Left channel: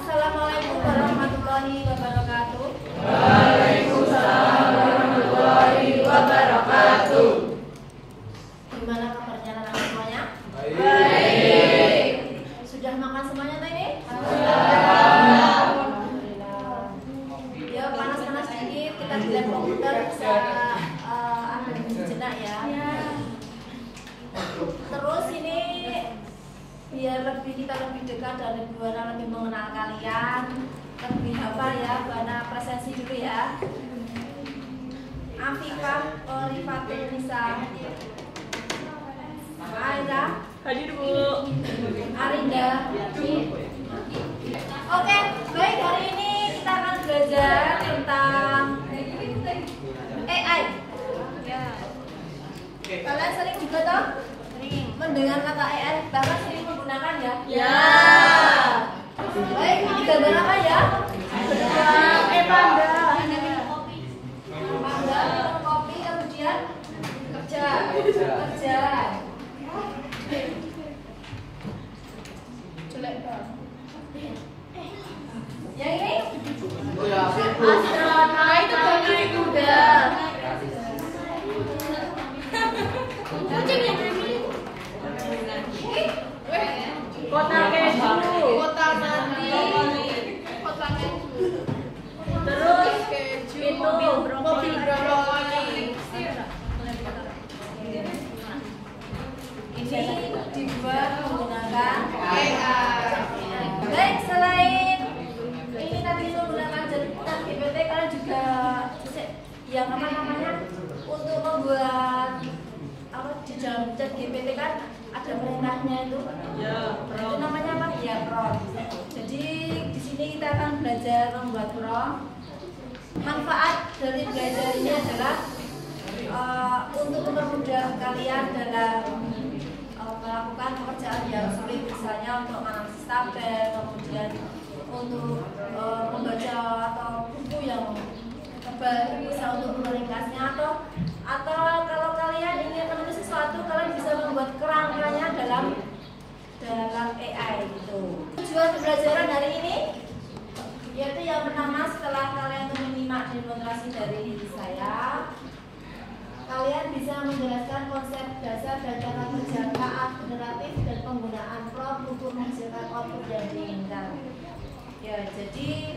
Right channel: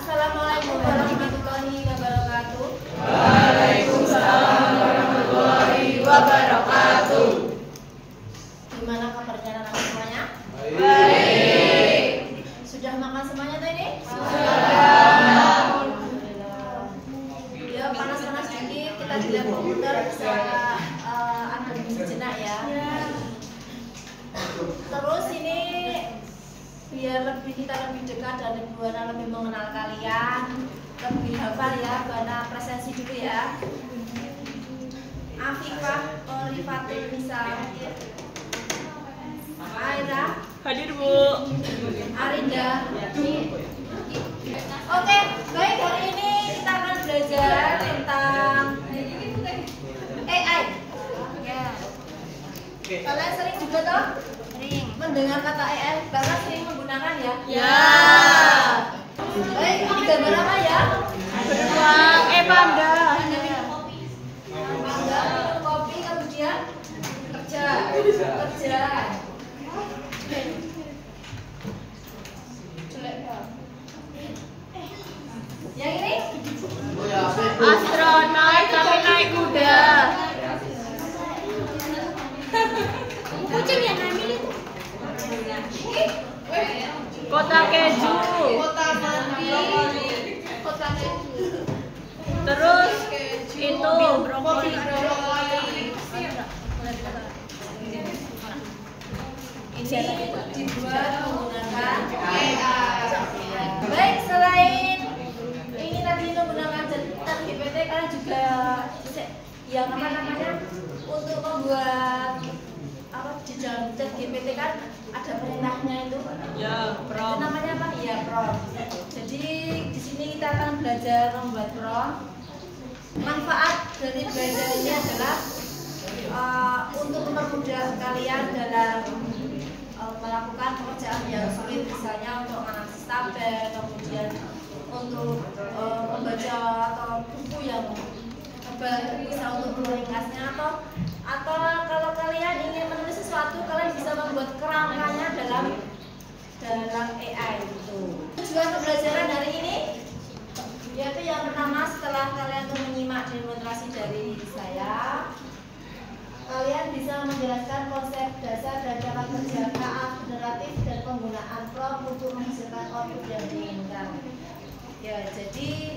Assalamualaikum warahmatullahi wabarakatuh. Waalaikumsalam warahmatullahi wabarakatuh. Gimana kabarnya anak semuanya? Baik. Sudah makan semuanya tuh ini? Sudah. Alhamdulillah. Ya panas-panas sedikit, kita di lab komputer bisa ada sejenak ya. Terus ini biar kita lebih dekat dan lebih mengenal kalian, lebih hafal ya, Bana presensi dulu ya. Afifah Orifatul Nisa, Aira Hadir Bu. Arinda. Oke, baik, hari ini kita akan belajar tentang AI. Kalian sering juga toh? Sering mendengar kata AI, bahkan sering menggunakan ya? Ya. Baik, ini gambar apa ya? Panda. Panda, minum kopi, kemudian kerja. Jelek banget. Yang ini? Astronot tapi naik kuda. Kucing yang hamil itu. Kota keju. Kota mati. Kota keju. Terus itu Brokoli. Ini dibuat menggunakan AI. Baik, selain ini tadi menggunakan ChatGPT, kalian juga yang apa namanya untuk membuat apa di dalam ChatGPT kan ada perintahnya itu. Ya, Itu namanya apa? Ya, prompt. Jadi di sini kita akan belajar membuat prompt. Manfaat dari belajar ini adalah untuk mempermudah kalian dalam melakukan pekerjaan yang sulit, misalnya untuk analisis tabel, kemudian untuk membaca atau buku yang tebal, bisa untuk meringkasnya, atau kalau kalian ingin menulis sesuatu, kalian bisa membuat kerangkanya dalam AI gitu. Tujuan pembelajaran hari ini yaitu yang pertama, setelah kalian tuh menyimak demonstrasi dari saya, kalian bisa menjelaskan konsep dasar dan cara kerja KA generatif dan penggunaan prompt untuk menghasilkan output yang diinginkan. Ya, jadi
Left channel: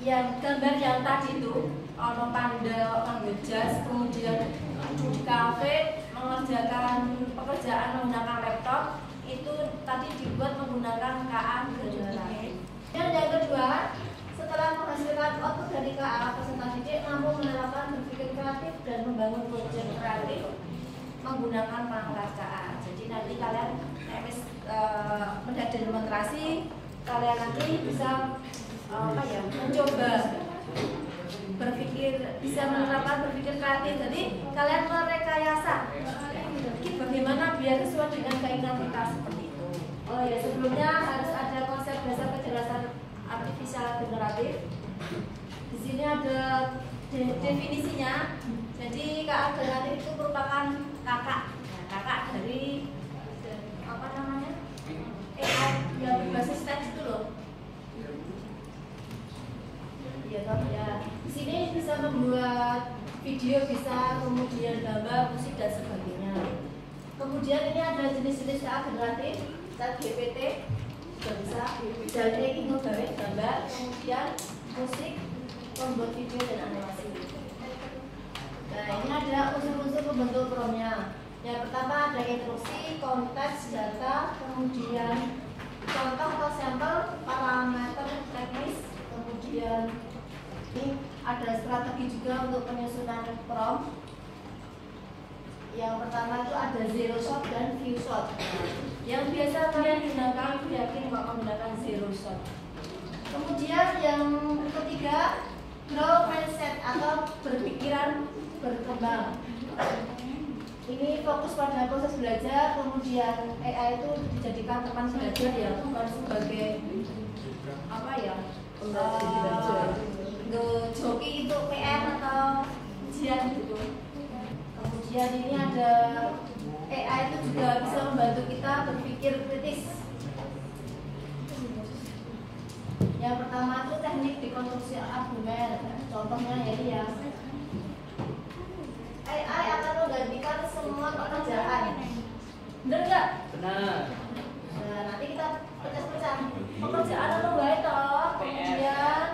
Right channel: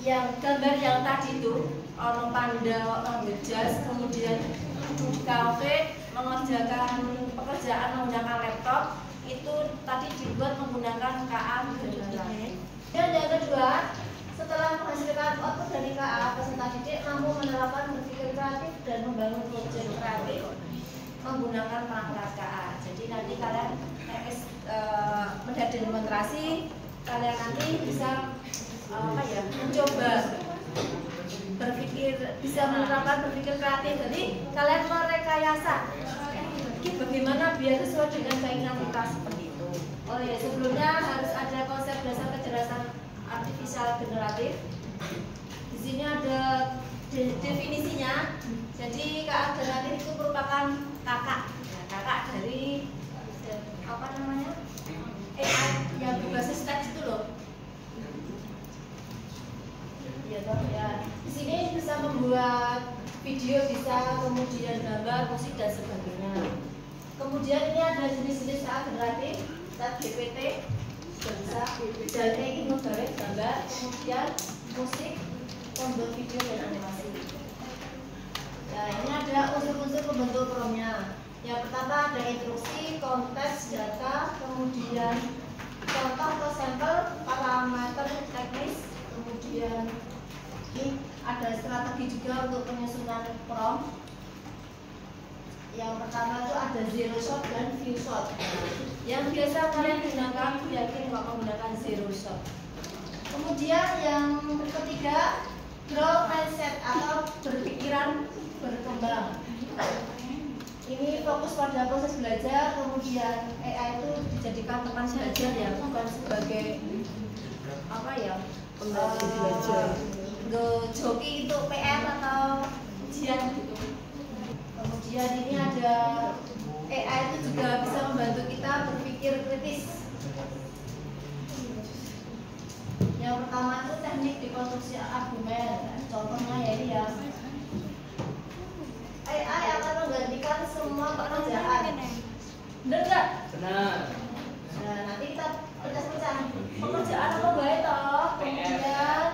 yang gambar yang tadi itu ono panda, ngambil jas, kemudian duduk di kafe mengerjakan pekerjaan menggunakan laptop, itu tadi dibuat menggunakan KA generatif. Dan yang kedua, setelah menghasilkan output dari KA, peserta didik mampu menerapkan berpikir kreatif dan membangun proyek kreatif menggunakan perangkat KA. Jadi nanti kalian mendapat demonstrasi, kalian nanti bisa mencoba bisa menerapkan berpikir kreatif. Jadi kalian merekayasa bagaimana biar sesuai dengan keinginan kita seperti itu. Oh ya, sebelumnya harus ada konsep dasar kecerdasan artifisial generatif. Di sini ada definisinya. Jadi KA generatif itu merupakan kakak dari apa namanya? AI yang berbasis teks itu loh. Ya, ya. Di sini bisa membuat video, bisa kemudian gambar, musik dan sebagainya. Kemudian ini ada jenis-jenis KA generatif, ChatGPT, bisa jadi menggambar gambar, kemudian musik, membuat video dan animasi. Nah, ini ada unsur-unsur pembentuk prompt-nya. Yang pertama ada instruksi, konteks, data, kemudian contoh atau sampel, parameter teknis, kemudian ini ada strategi juga untuk penyusunan prompt. Yang pertama itu ada zero shot dan few shot. Yang biasa kalian gunakan, yakin kalau menggunakan zero shot. Kemudian yang ketiga, grow mindset atau berpikiran berkembang. Ini fokus pada proses belajar, kemudian AI itu dijadikan teman belajar ya, bukan sebagai apa ya, joki itu PR atau ujian gitu. Kemudian ini ada AI itu juga bisa membantu kita berpikir kritis. teknik dekonstruksi argumen. Contohnya ya ini ya. AI akan menggantikan semua pekerjaan. Bener nggak? Benar. Nah, nanti kita pecah-pecah. Pekerjaan apa baik toh? Kemudian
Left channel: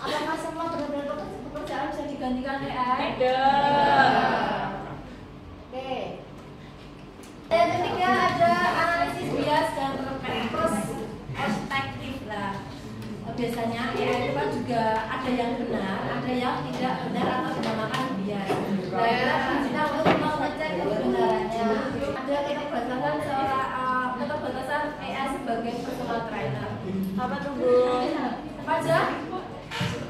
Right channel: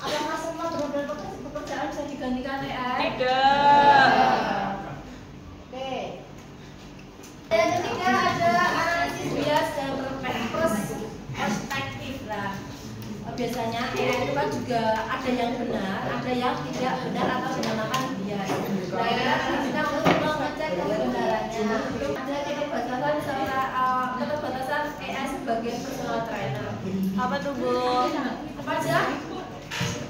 apakah semua benar-benar pekerjaan bisa digantikan AI? Tidak. Oke. Yang ketiga ada analisis bias dan perspektif lah. Biasanya AI itu kan juga ada yang benar, ada yang tidak benar atau dinamakan bias. Nah, kita untuk mengecek kebenarannya. Ada keterbatasan AI sebagai personal trainer. Apa tuh, Bu? Apa aja?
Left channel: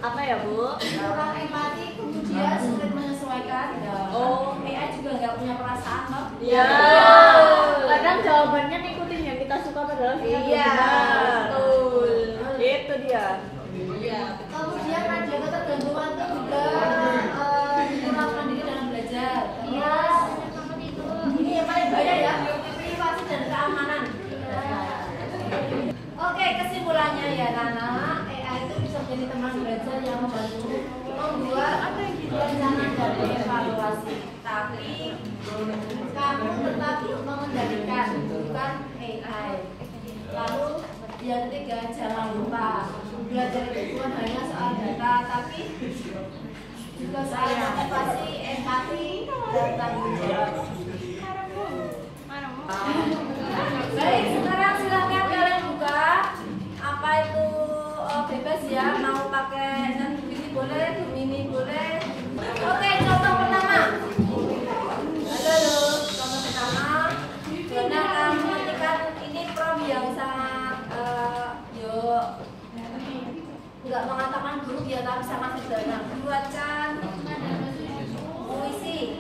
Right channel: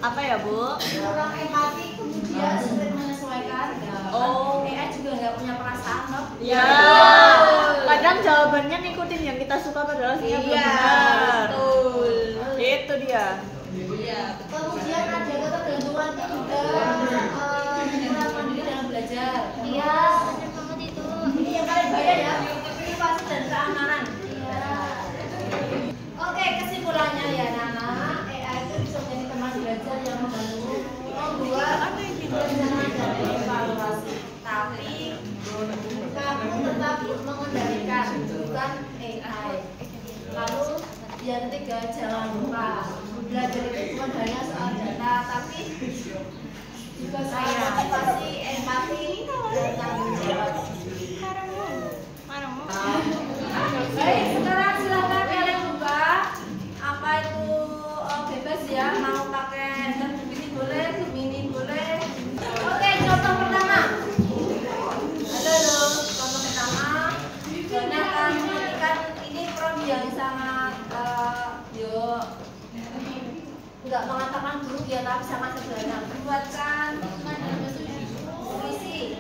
Apa ya, Bu? Kurang empati, kemudian sulit menyesuaikan. Nah, Oh. AI juga nggak punya perasaan loh. Ya. Kadang jawabannya ngikutin yang kita suka padahal sebenarnya belum Iya, benar. betul. Itu dia. Iya. Kemudian ada ketergantungan juga kurang mandiri dalam belajar. Iya. Ini yang paling bahaya ya, privasi dan keamanan. Oke, kesimpulannya ya Nana, AI itu bisa menjadi teman belajar yang membantu membuat rencana dan evaluasi. Tapi kamu tetap mengendalikan, bukan AI. Lalu yang ketiga, jangan lupa belajar itu bukan hanya soal data, tapi juga soal motivasi, empati, dan tanggung jawab. Baik, sekarang silakan kalian buka. Apa itu bebas ya, mau pakai ini boleh, Gemini boleh. Oke, contoh pertama. Halo, contoh pertama. Jadi akan menyampaikan ini prompt yang sangat nggak mengatakan buruk ya, tapi sangat sederhana. Buatkan puisi.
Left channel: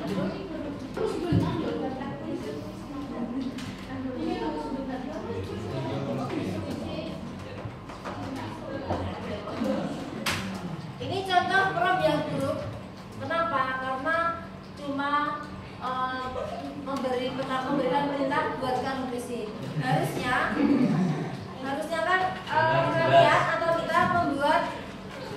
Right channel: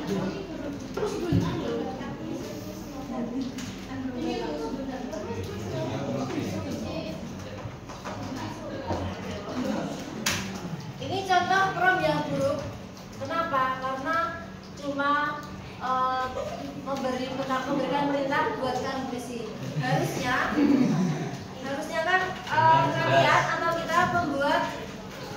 Ini contoh prompt yang buruk. Kenapa? Karena cuma memberikan perintah buatkan puisi. Harusnya kan kalian atau kita membuat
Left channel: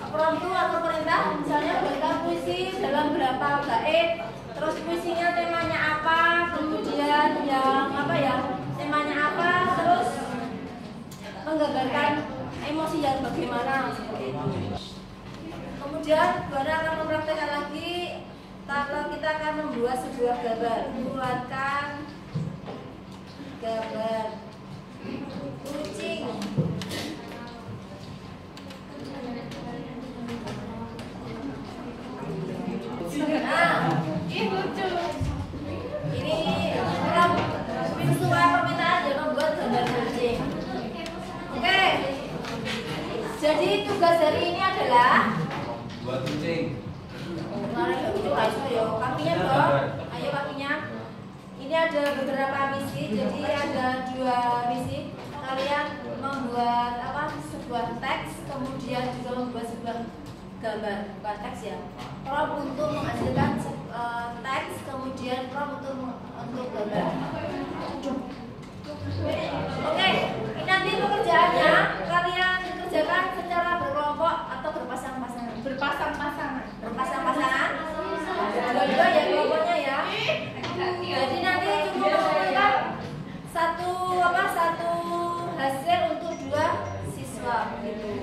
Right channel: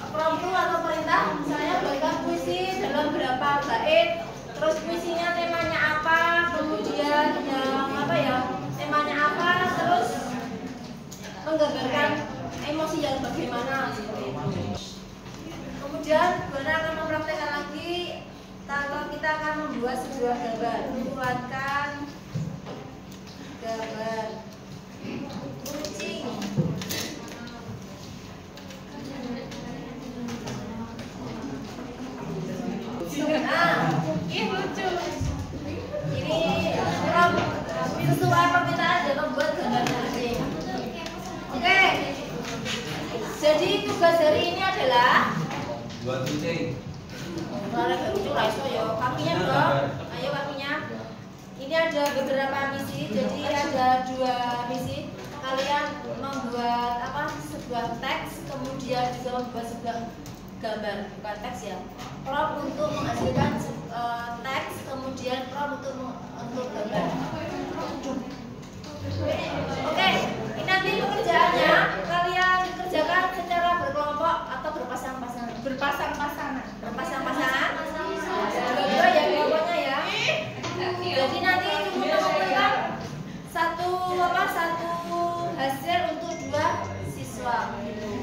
prompt atau perintah, misalnya buatkan puisi dalam berapa bait, terus puisinya temanya apa, kemudian yang apa ya, temanya apa, terus menggambarkan emosi yang bagaimana seperti itu. Kemudian Buana akan mempraktekkan lagi kalau kita akan membuat sebuah gambar. Buatkan gambar kucing. Nah, ini lucu. Ini sesuai permintaan dia membuat gambar kucing. Oke. Jadi tugas hari ini adalah buat kucing. Kemarin lucu lah itu ya. Kakinya dong. Ayo kakinya. Ini ada beberapa misi. Jadi ada 2 misi. Kalian membuat sebuah teks, kemudian juga membuat sebuah gambar, bukan teks ya. Prompt untuk menghasilkan teks, kemudian prompt untuk gambar. Oke, ini nanti pekerjaannya kalian kerjakan secara berkelompok atau berpasang-pasangan. Berpasang-pasangan. Berpasang-pasangan. Dua-dua ya kelompoknya ya. Jadi nanti cuma mengumpulkan satu hasil untuk 2 siswa.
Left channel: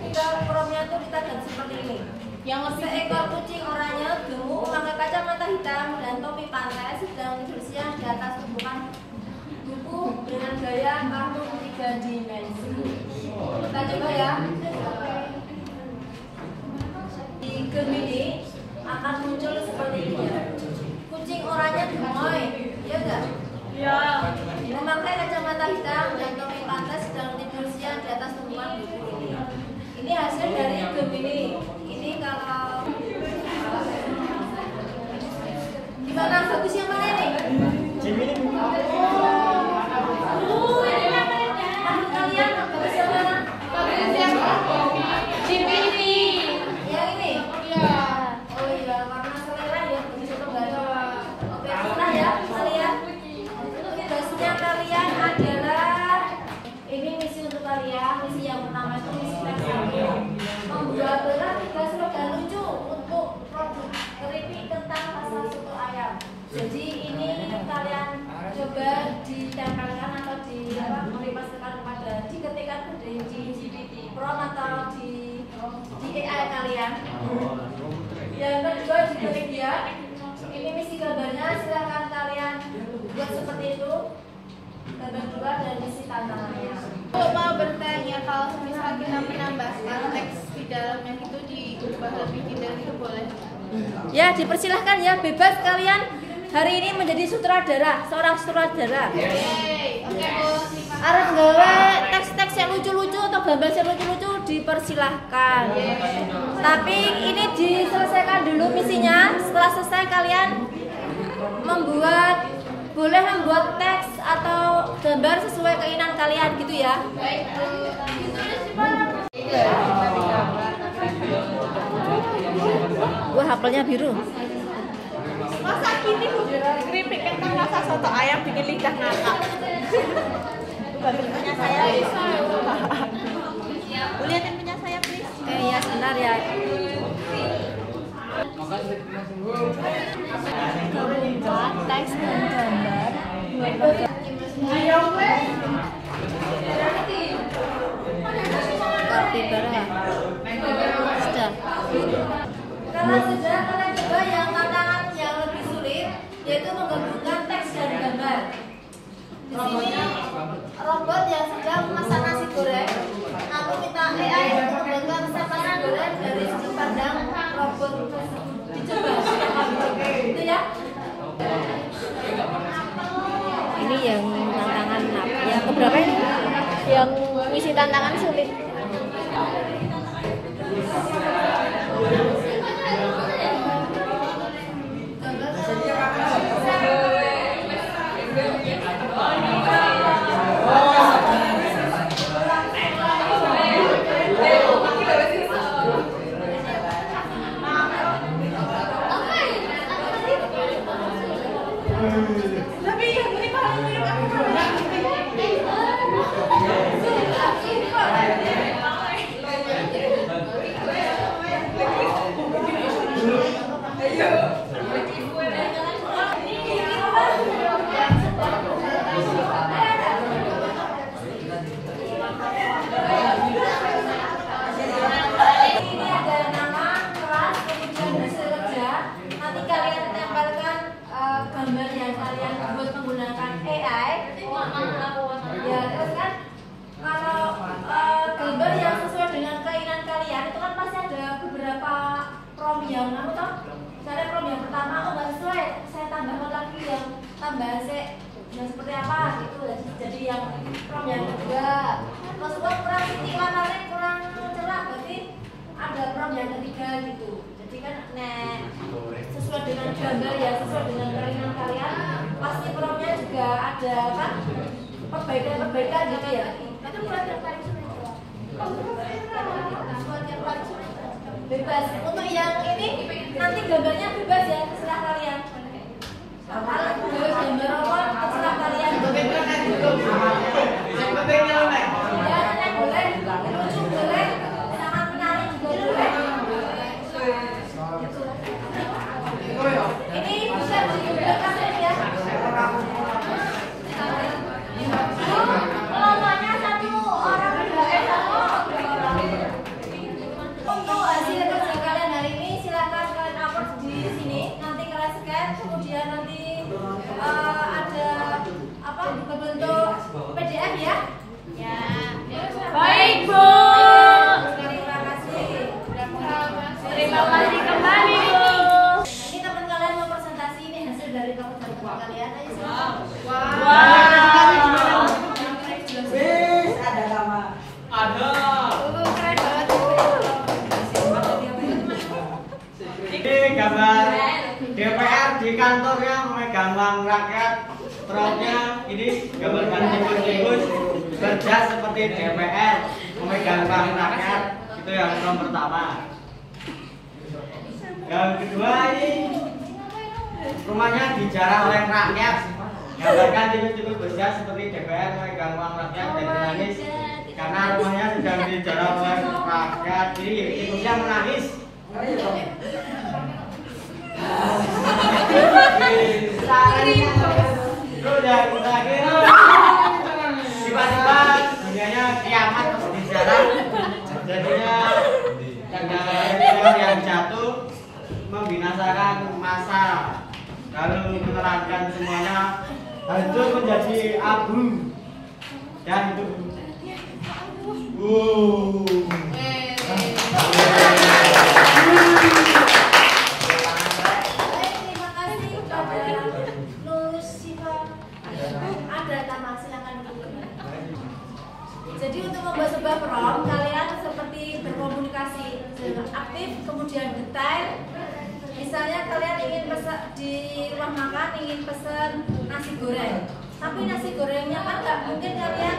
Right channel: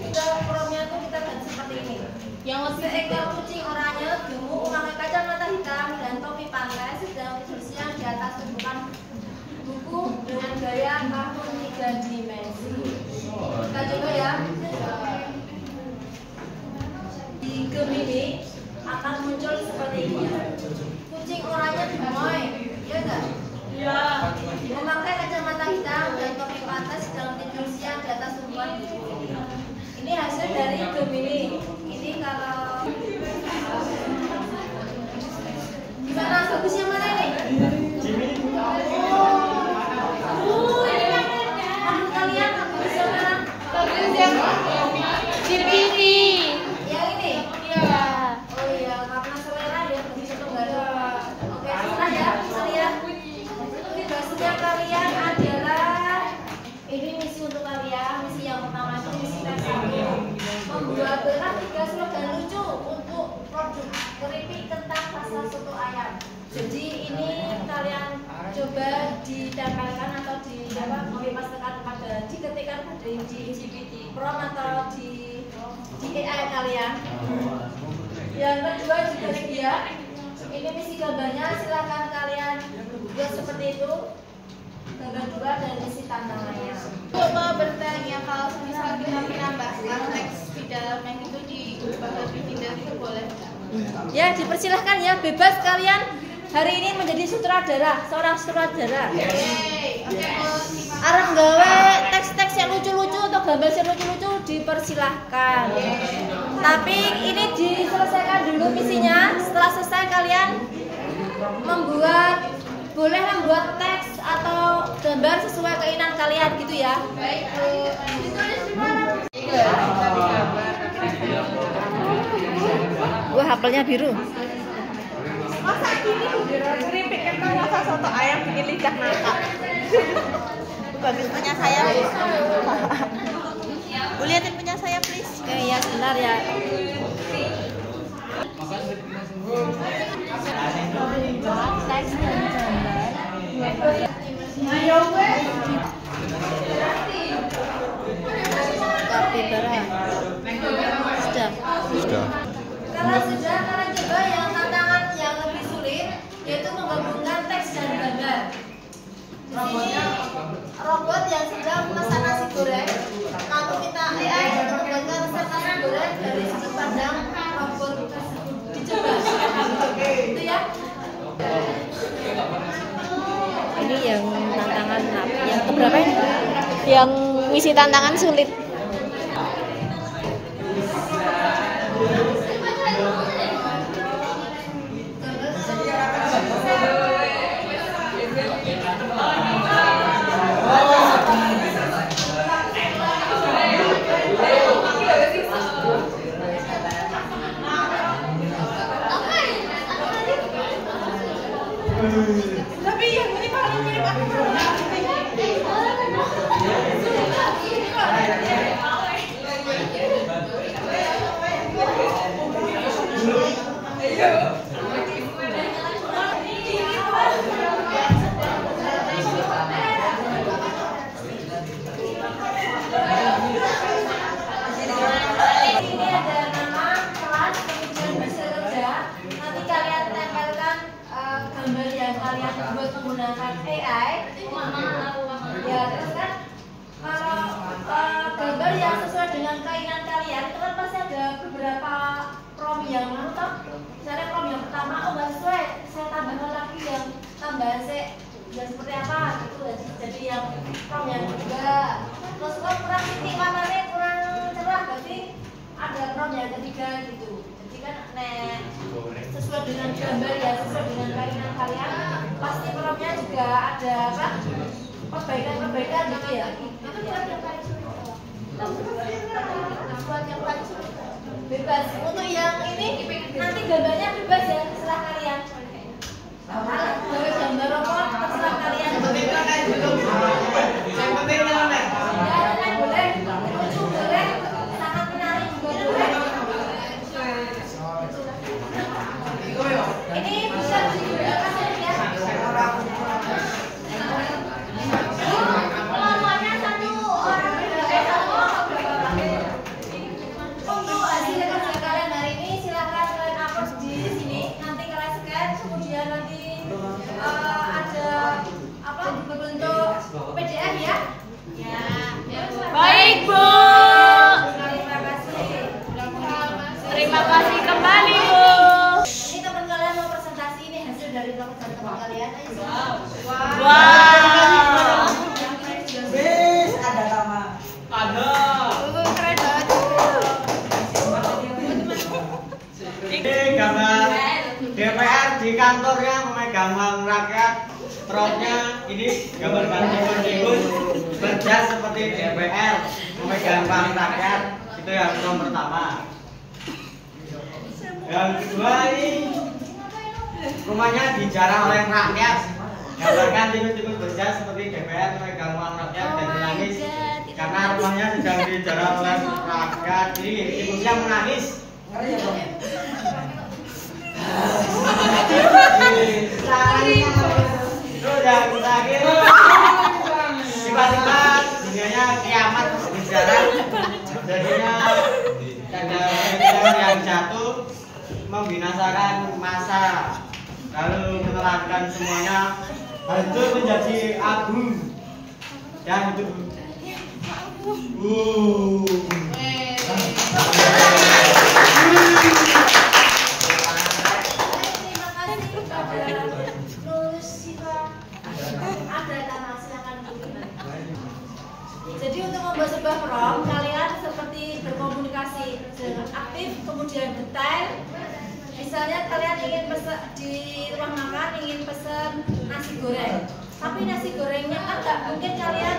Kita promnya tuh kita ganti seperti ini. Yang lebih Seekor kucing oranye gemuk memakai kacamata hitam dan topi pantai sedang bersiang di atas tumpukan buku dengan gaya kartun 3 dimensi. Kita coba ya. Di Gemini akan muncul seperti ini. Kucing oranye gemoy, iya enggak? ya. Memakai kacamata hitam dan topi pantai sedang tidur siang di atas tumpukan buku ini. Ini hasil dari Gemini. Ini kalau gimana, bagus yang mana nih? Menurut Jadi ini kalian coba ditempelkan atau dipasangkan diketikkan di Prom atau di AI kalian. Yang kedua juga dia, ini misi gambarnya, silahkan kalian buat seperti itu. Gambar dua dan isi tantangannya. Mau bertanya kalau misal kita menambahkan teks di dalamnya itu diubah lebih detail itu boleh nggak? Ya dipersilahkan ya, bebas kalian hari ini menjadi sutradara, seorang sutradara. Arep gawe teks-teks yang lucu-lucu atau gambar yang lucu-lucu dipersilahkan. Tapi ini diselesaikan dulu misinya. Setelah selesai kalian boleh membuat teks atau gambar sesuai keinginan kalian gitu ya. Baik, Gua hafalnya biru. masa gini keripik kentang rasa soto ayam bikin lidah ngakak. Bagus punya saya. Boleh liatin punya saya please. Oke ya sebentar ya. Kapibara. Sudah. Kalau sudah, kalian coba yang tantangan yang lebih sulit, yaitu menggabungkan teks dan gambar. Di sini robot yang sedang memasak nasi goreng, lalu kita AI untuk membuatkan resep nasi goreng dari sudut pandang robot tersebut. Dicoba, itu ya. Ini yang tantangan yang keberapa ini? Yang ngisi tantangan sulit. Tapi yang ini paling mirip aku. Tambahan yang seperti apa gitu, jadi yang prom yang kedua terus kurang titik warnanya kurang cerah, berarti ada prom yang ketiga gitu. Jadi kan sesuai dengan gambar ya, sesuai dengan keinginan kalian, pasti promnya juga ada kan perbaikan gitu ya. Itu buat yang paling sulit, buat yang paling sulit bebas. Untuk yang ini nanti gambarnya bebas ya, terserah kalian. Gambar robot terserah kalian. Boleh, lucu boleh, sangat menarik juga boleh. Ini bisa digunakan ya. Kelompoknya satu orang untuk hasil kerja kalian hari ini silahkan kalian upload di sini. Nanti kalian scan, kemudian nanti ada apa berbentuk PDF ya? Ya. Baik, Bu. Terima kasih. Terima kasih kembali, Bu. Ini teman kalian mau presentasi nih hasil dari pekerjaan teman kalian. Ayo silakan. Wis ada nama. Ada. Keren banget. Ini gambar DPR di kantornya memegang uang rakyat. Promnya ini gambar tikus berjas seperti DPR memegang uang rakyat. Itu yang prom pertama. Yang kedua ini rumahnya dijarah oleh rakyat. Gambarkan tikus berjas seperti DPR memegang uang rakyat dan menangis karena rumahnya sedang dijarah oleh rakyat. Jadi tikusnya menangis. Udah tiba-tiba dunianya kiamat seperti sekarang. Jadinya ada yang jatuh membinasakan masa, lalu menelankan semuanya hancur menjadi abu dan itu. Jadi untuk membuat sebuah prompt, kalian seperti berkomunikasi aktif, kemudian detail. Misalnya kalian ingin pesan di rumah makan, ingin pesan nasi goreng, tapi nasi gorengnya kan nggak mungkin kalian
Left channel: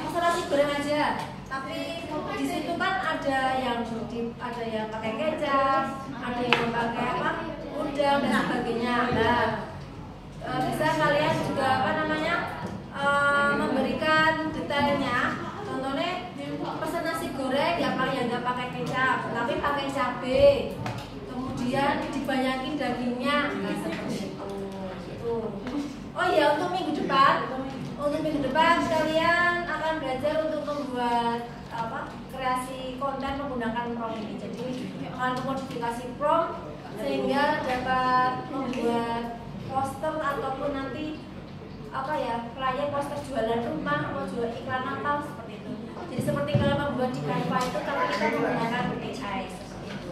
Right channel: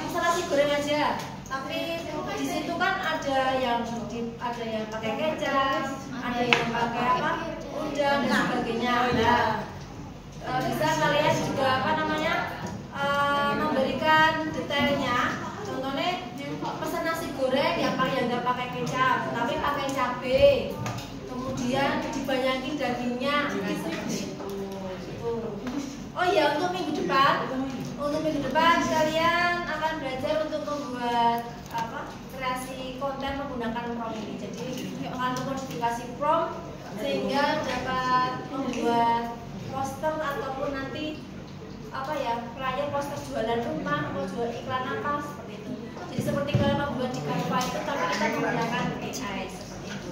pesan nasi goreng aja. Tapi di situ kan ada yang pakai kecap, ada yang pakai udang dan sebagainya. Nah, bisa kalian juga memberikan detailnya. Contohnya pesan nasi goreng yang nggak pakai kecap, tapi pakai cabai. Kemudian dibanyakin dagingnya, seperti itu. Oh iya, untuk minggu depan kalian akan belajar untuk membuat kreasi konten menggunakan prompt ini. Jadi akan memodifikasi prompt sehingga dapat membuat poster ataupun nanti flyer poster jualan rumah atau jual iklan apa seperti itu. Jadi seperti kalau membuat di Canva itu, tapi kita menggunakan AI seperti itu.